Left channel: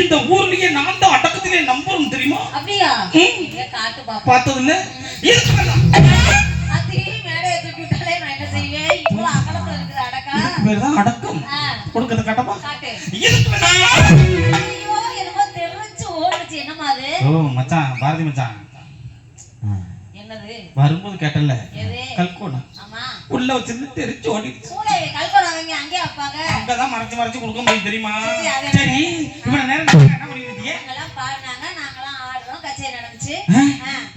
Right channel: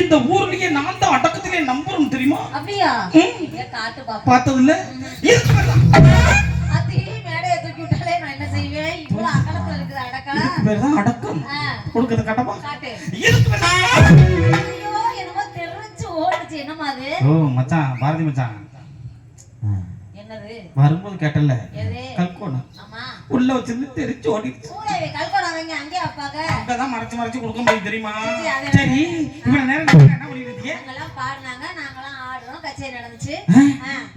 இந்த ஊர்லயே நான் தான் அடக்கத்திலே நம்புறோம் தெரியுமா? அப்படியா? காட்டு பார்த்தது இல்ல அடக்கம். கொடுக்கறது கட்டப்பா காட்டு. இருக்கு ஐயோ என்னமோ தெரிஞ்சு ஓடுச்சு. என்னமா அது? ஓ மச்சான் பாரதி மச்சான். என்னது? வரும்போது கேட்டல கல்கோணம் ஆமா. உள்ள வச்சிருந்து தெரிச்சு ஓடிடுச்சு. கூட கல்பனா வாங்கி அங்கேயே வைப்பாங்க. அங்கதான் மறைச்சு மறைச்சு கொடுக்க முடியும் தெரியுமா? சரி, இவ்வளவு நேரம் என்ன? நாங்கெல்லாம் பாடினாங்க நாங்கெல்லாம் ஆடுறோம் கச்சேரி நடந்துச்சு.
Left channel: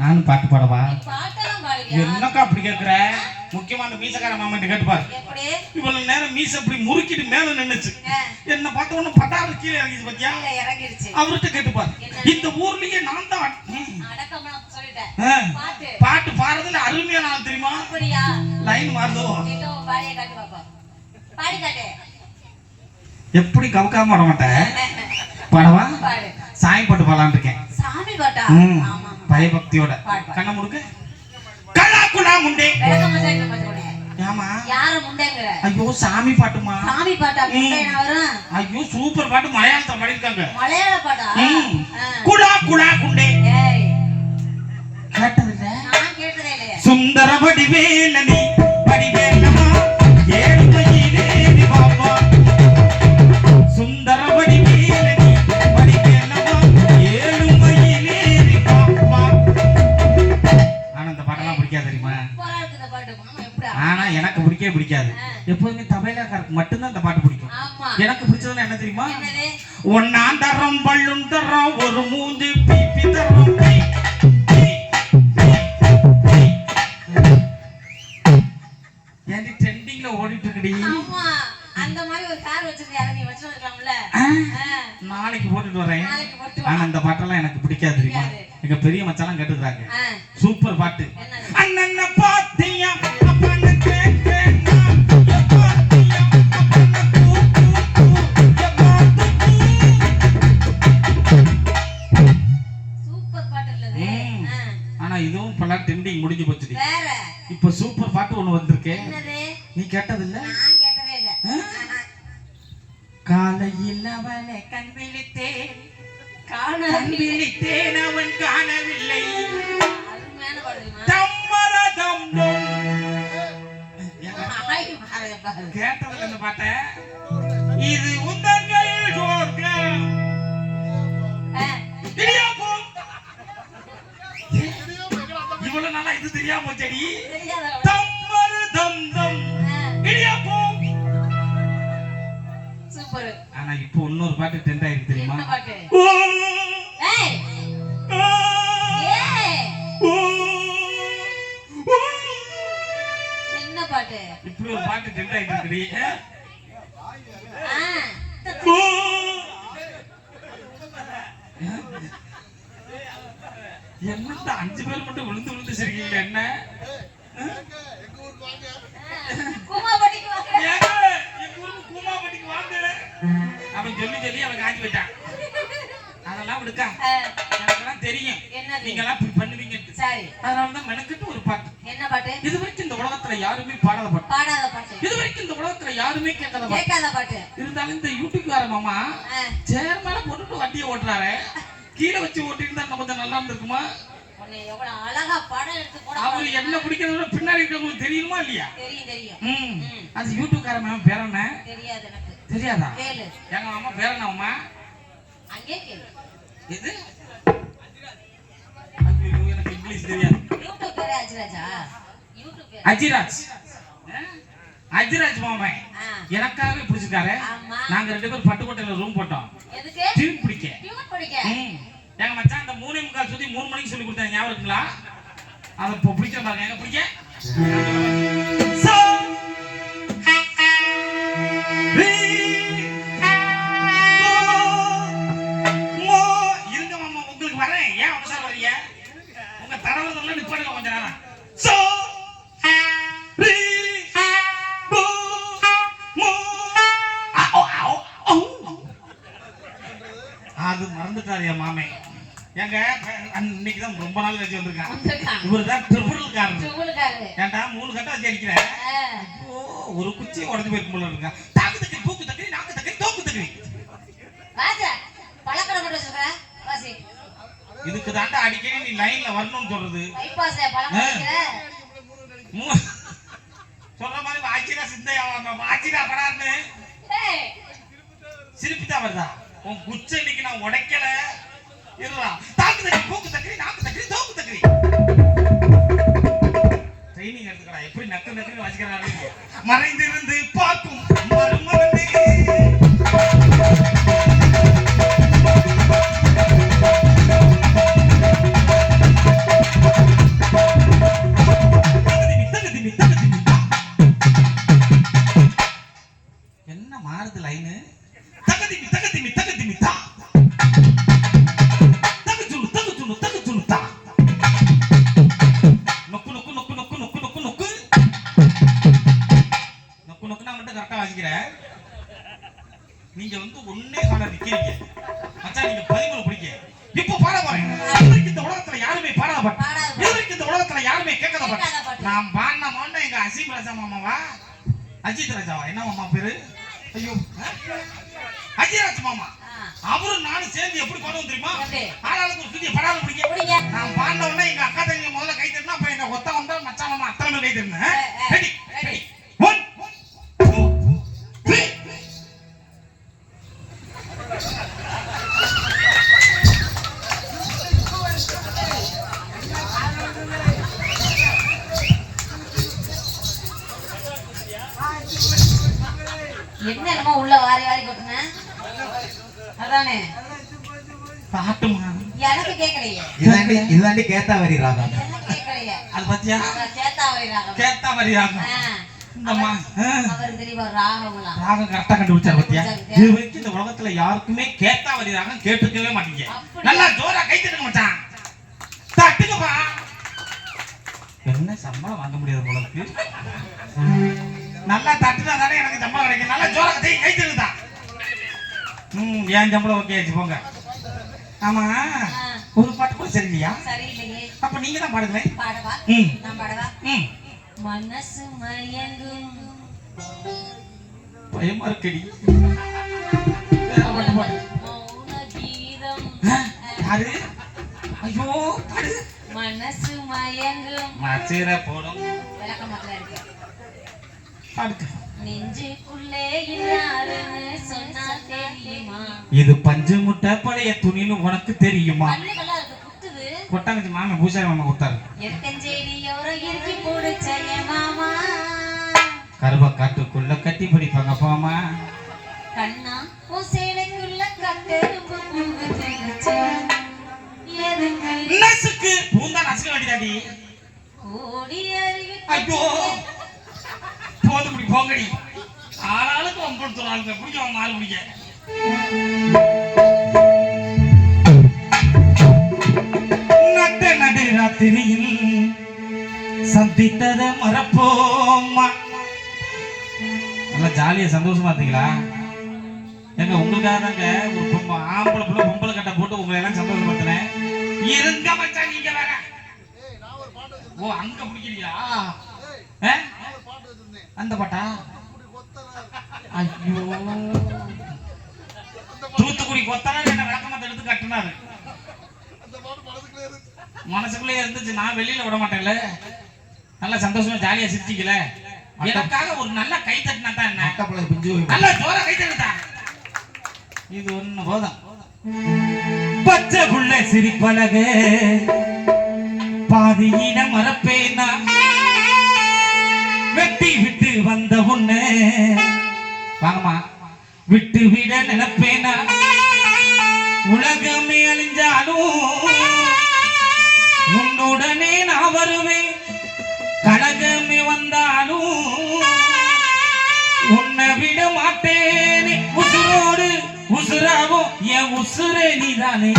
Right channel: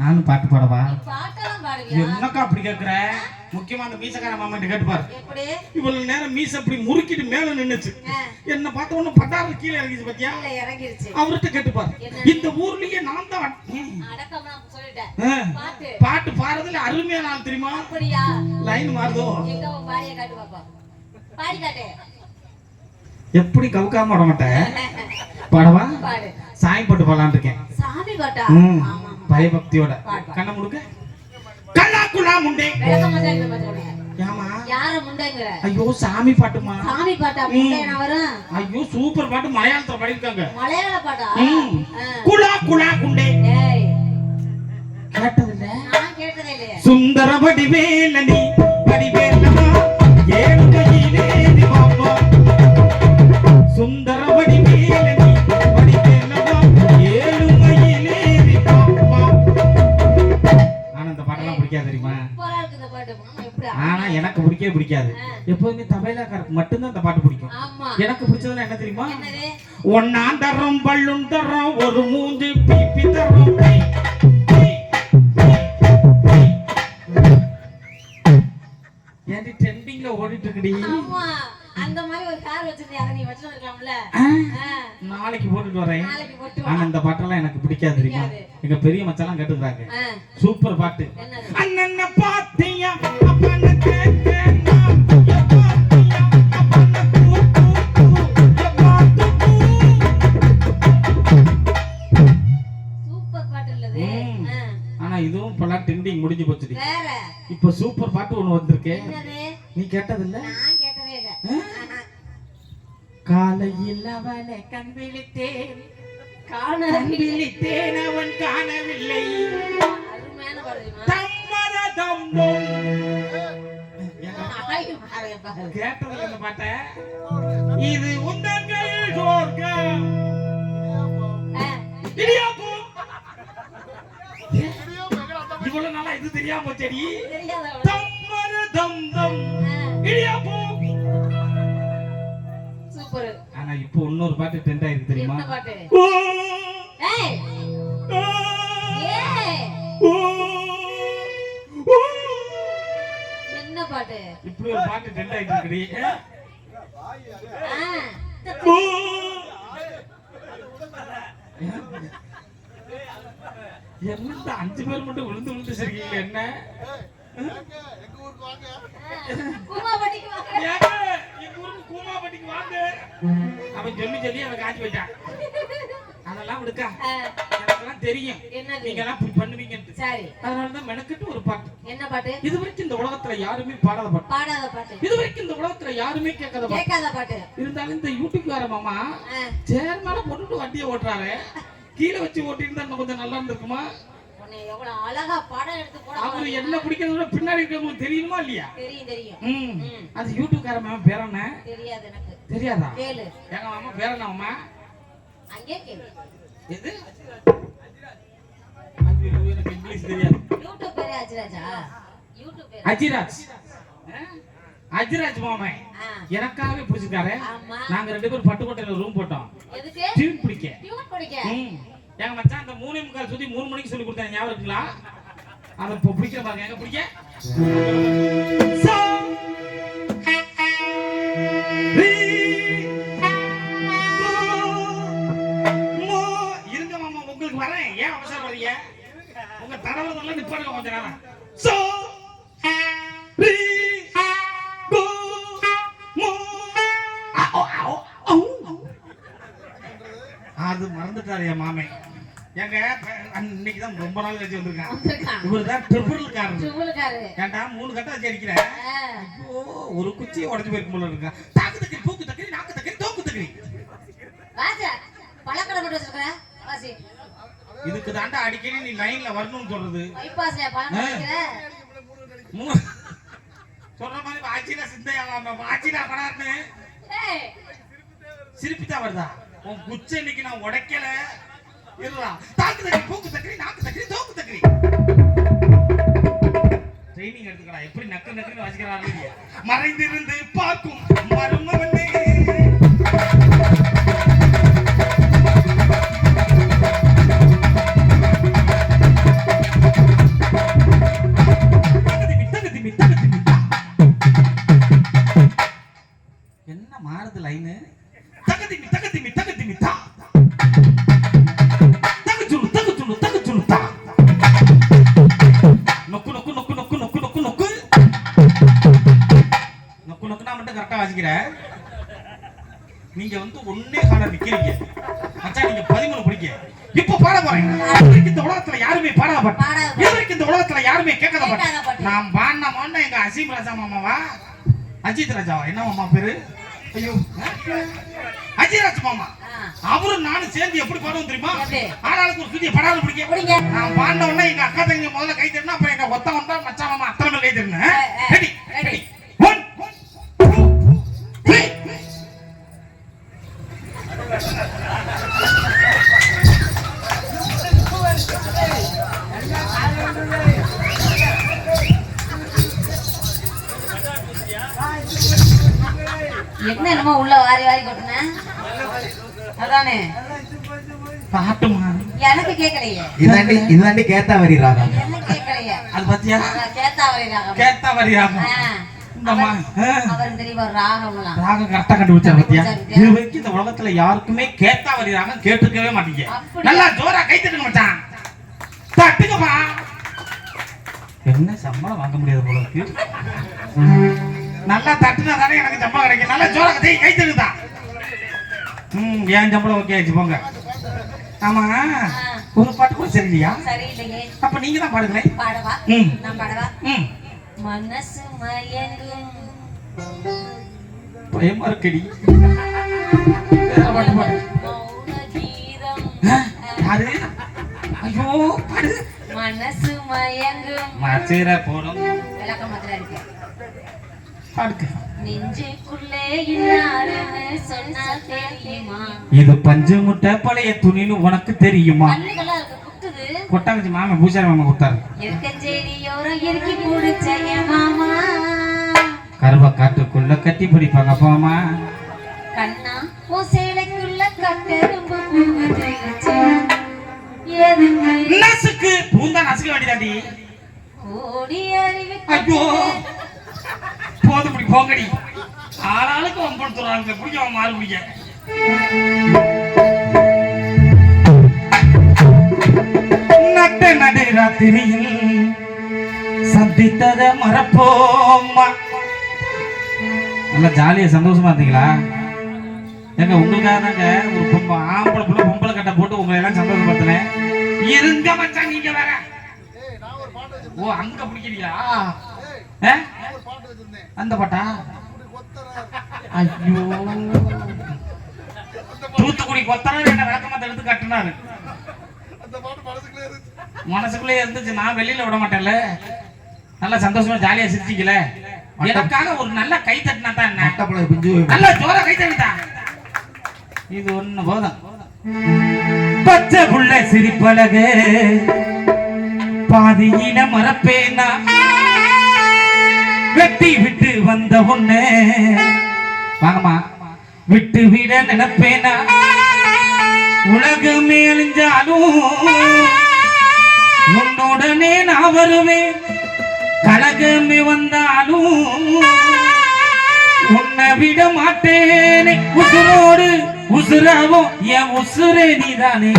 நானும் பாட்டு பாடவா? நீ பாட்டெல்லாம் பாடுவியா? என்னக்கா அப்படி கேக்குற? முக்கியமான மீசக்கார மாமன்ட்டு கேட்டுப்பாரு எப்படி? இவ்வளவு நேரம் மீச அப்படி முறுக்கிட்டு மேல நின்னுச்சு. என்ன பார்த்த உடனே பட்டாரு கீழே இறங்கிச்சு பாத்தியா? கீழே இறங்கிருச்சு அவர்கிட்ட கேட்டுப்பாரு? இந்த ஊர்லயே நான் தான். பாட்டு. பாடுறதுல அருமையா நான் தெரியுமா? லைன் மாறுதோ? எப்படி கவுக்காம பாட மாட்டேன்? பாடவா? பாடு. சாமி போட்டு பாடலான்னு இருக்கேன். சாமி பாட்டா? பயபக்தியோட. கண்ணை முடுக்க கல்லா குலா முண்டே ஐயோ சாமி பாட்டுமா? சாமி பாட்டா ஐயோ சூப்பர் பாட்டு மலையாளத்துல பாடிருக்காங்க மலையாள பாட்டா? ம். ஆ. குலா குலா குண்டே கேட்டதில்ல? சுந்தர வடிவேலனி ஆனா எனக்கு பிடிக்கவே பிடிக்காது. எப்போதுமே தபைலாக்காரருக்கு மட்டும்தான் இந்த பாட்டு பிடிக்கும். எனக்கு பிடிச்சதுல என்ன தெரியுமா? ஒன்னாம் தரம் பள்ளும் தரம் ஒரு மூஞ்சி பிபி தரம். ஏன்டி ட்ரெண்டிங்ல ஓடிட்டு இருக்குடி அந்த மாதிரி ஒரு கார் வச்சிருந்தியா நீ நாளைக்கு போட்டுட்டு வரேன். ஆனா வா. இந்த பாட்டெல்லாம் எனக்கு பிடிக்காது தெரியுமா. எங்க பெரிய மச்சாலாம் கேட்டுக்கிறாங்க. சூப்பர் பாட்டு. ஒண்ணு வந்திருக்கே. என்னது? நீ கேட்டதே இல்ல. காலையில் அவனை கண் விழித்தேன். கண் காணவில்லை விழித்தேன். அவன் காணவில்லை. கேட்டதில்ல இந்த பாட்ட. இது இடியாப்பம். இவ்வளவு நாளா இது தெரியாம போச்சடி. இடியாப்பம். சூப்பர் ஆனா இப்போ இன்னொரு பாட்டு ட்ரெண்ட் ஆயிருக்கு தெரியுமா என்ன பாட்டு ஏய். என்ன பாட்டு இப்படி ஒரு பாட்டு ட்ரெண்ட் ஆயிட்டு ஓ. என்னத்த அஞ்சு பேர் மட்டும் விழுந்து விழுந்து சிரிக்கீங்க என்ன கூமாப்பட்டிக்கு வாங்க. ஏங்க, எங்க ஊருக்கு கூமாப்பட்டிக்கு வாங்க. அவன் சொல்லி சொல்லி அவன் காஞ்சி போயிட்டான். அதெல்லாம் விடுக்கா. எனக்கெல்லாம் தெரியும். நீங்க எல்லாம் பண்ணுவீங்கன்ட்டு. சரி. அதனாலதான் மெனக்கிட்டு ஒரு பாட்டு. என்ன பாட்டு? இது வரைக்கும் இந்த உலகத்துல யாருமே பாடாத பாட்டு. பாடாத பாட்டு. இது வரைக்கும் இந்த உலகத்துல யாருமே கேட்காத பாட்டு. கேட்காத பாட்டு. இருந்தாலும் இந்த யூடியூப்கார மாமா ஆ, சேர் மேல போட்டுட்டு வண்டியை ஓட்டுறாரு. கீழே வச்சு ஓட்டிட்டு இன்னும் கொஞ்சம் நல்லா இருந்திருக்குமா? அவரு என்ன பிடிக்கிறத பின்னாடி இருக்கவங்களுக்கு தெரியுமா இல்லையா? தெரியும் தெரியும். ம். அது யூடியூப்கார மாமா பேர் என்ன? தெரியாது எனக்கு. தெரியாதா? எங்க மாமா பேர் என்ன மாமா? அங்கே கேளு. எனக்கு இங்கிலீஷ் தெரியாது. யூடியூப் பேரு அஜிராஜா. யூடியூப் பேரு. அஜிராஜ். மாமன் எனக்காகவே பிடிச்சிருக்காரு. நாங்க ரெண்டு பேரும் பட்டுக்கோட்டையில ரூம் போட்டோம். டியூன் பிடிக்க. எங்க மச்சான் அந்த மூணே முக்கால் சுத்தி மூணு மணிக்கு சொல்லி கொடுத்தாங்க ஞாபகம் இருக்குங்களா? அதை இப்போ பிடிக்கிற பாருங்க. எங்க பிடிக்க? மறந்துட்டாரு என் மாமே. எங்க இன்னைக்கு தான் ரொம்ப நாள் கழிச்சு வந்திருக்கான். இவர் தான் திருப்பூர்காரன் சுகுலுக்காரு ஏன்டா மூணு கட்டம் வச்சு அடிக்கிறேன் ஐயோ ஒரு குச்சி உடஞ்சு போயிருக்கும் போல இருக்கா. தாக்கு தக்கி பூக்கு தக்கி நாக்கு தக்கி தோக்கு தக்கி ராஜா இதுக்கு தாண்டா அடிக்கடி நீ லைன்ல வரணும்னு சொல்றது. சொல்ற மாதிரி வாச்சினா சிந்தையா வாச்சினா படான்னு ஏய், சிரிப்பு தான் வருதா? உன் குச்ச இன்னைக்கு நான் உடைக்கல. இருடா. தாக்கு தக்கி பூக்கு தக்கரி நாக்கு தக்கரி தோக்கு தக்கரி. ட்ரைனிங் எடுத்துக்கடா. எப்படி நக்கு நக்கு வச்சுக்கிறாரு மறைந்திருந்து பார்க்கும் மருமகனே என்ன மாறுது லைனு தகதிமி தகதி நீங்க வந்து ஒன்னே கால நிக்கிறீங்க. மச்சான் நீங்க பதிமூணு படிக்க இப்ப பாட போறேன். இந்த உலகத்துல யாருமே பாடாத. இதுவரைக்கும் இந்த உலகத்துல யாருமே கேட்காத பாட்டு. நான் பாடின மாடின எங்க அசீம் ராஜா மாமாவா? அஜித் ராஜாவா? என்ன மாமா பேரு? ஐயோ அஜயராஜ் மாமா. அவரும் நானும் சேர்ந்து எப்படி பாடுவோம் தெரியுமா? ஆளாளுக்கு ஒரு புதிய படாத பிடிக்க. நான் பாடின உடனே எங்க அக்கா தங்க முதல்ல கை தட்டினா அப்புறம் எங்க ஒத்த வந்தா மச்சான் மாமா அத்தனை கை தட்டினேன் என்ன என்னமோ உள்ள வாரி வாரி கொட்டுன. அதானே? பாட்டுமா? எனக்கு கேட்கலையே இதாண்டி இதாண்டி கேத்தாவரி ராகம். எனக்கு கேட்கலையே அது பாத்தியா? நான் கேத்தாவரி ராகம். தெரியுமா ராகம்லாம்? ராகம் கரெக்டா கண்டுபிடிச்சா பத்தியா? கண்டுபிடிச்சா. இது வரைக்கும் இந்த உலகத்துல யாருக்குமே கேத்தாவரி ராகம் கேட்டுக்கவே மாட்டீங்க? நல்லா ஜோரா கை தட்டுங்க மச்சான். தட்டுங்கப்பா. என்ன சம்பளம் வாங்க முடியாது போல இருக்கு. நல்லா தட்டுனா தானே எனக்கு சம்பளம் கிடைக்கும். நல்லா ஜோரா கை கை தட்டுதா ம் ஏன் சம்பளம் ஓகே ஆச்சு போங்க. ஆமா ஒரு பாட்டு கூட சரியில்லையா? அப்ப நீங்க தான் பாடுங்களேன் பாடவா? ம். நான் பாடவா? ம். மனசு மயங்கும். பயமா இருக்கடி. யாரு? ஐயோ பாடு. மனசு மயங்கும். மச்சீர போடும். விளக்கமாத்துல இருக்கு பாடுக்கு நெஞ்சுக்குள்ளே இன்னாருன்னு சொன்னா தெரியுமா இது பஞ்சு முட்டை பழைய துணின்னு உனக்கு தெரியுமா? கொட்டாங்கச்சி மாமா பூசாரி மாமா கொடுத்தாரு கருவ காட்டுக்குள்ள கட்டி பிடிப்பாங்க போமா. கண்ணா நசுக்கு. பூந்தா நசுக்க வேண்டியதாடி ஐயோ. போது இப்படி போங்கடி. ஆளாளுக்கு வம்படுத்துறாங்க அவன் மாறு குடிக்க நட்ட நடு ராத்திரியில் சந்தித்தத மறப்போம்மா. நல்லா ஜாலியா சந்தோஷமா இருந்தீங்களா? ஏங்க உங்களுக்காக தாங்க ஒரு பொம்பை ஆம்பளை புள்ள பொம்பளை கட்டை போட்டு உங்களை எல்லாம் சந்தோஷப்படுத்தினேன். இருங்க மச்சான் நீங்க வேற. ஓ அங்க பிடிக்கிறீங்களா? அந்த பாட்டா? ஐயோ. தூத்துக்குடி கொத்தனார் என்ன விளக்கமா எடுத்து கட்டினாரு. மனசுக்குள்ளே இருந்துச்சு. நான் வெளியில விட மாட்டேன்ல. நல்லா சந்தோஷமா ஜாலியா சிரிச்சிக்கல. எனக்காக ஒரு நல்ல கை தட்டினா தான் என்ன? நல்லா ஜோரா கை தட்டுதா? இது ஒண்ணு போதும். பச்சை புள்ள சிரிப்பழகு. பாதியில மறப்பேனா? வெட்டி விட்டு வந்த உன்ன. வாங்கம்மா. விட்டு விட நினைப்பேனா? உலகமே அழிஞ்சாலும் உன்னுடனே நான் வருவேன். கழகமே வந்தாலும் உன்னை விட மாட்டேனே. உசுரோடு உசுராவோ என் உசுரே நீதானே.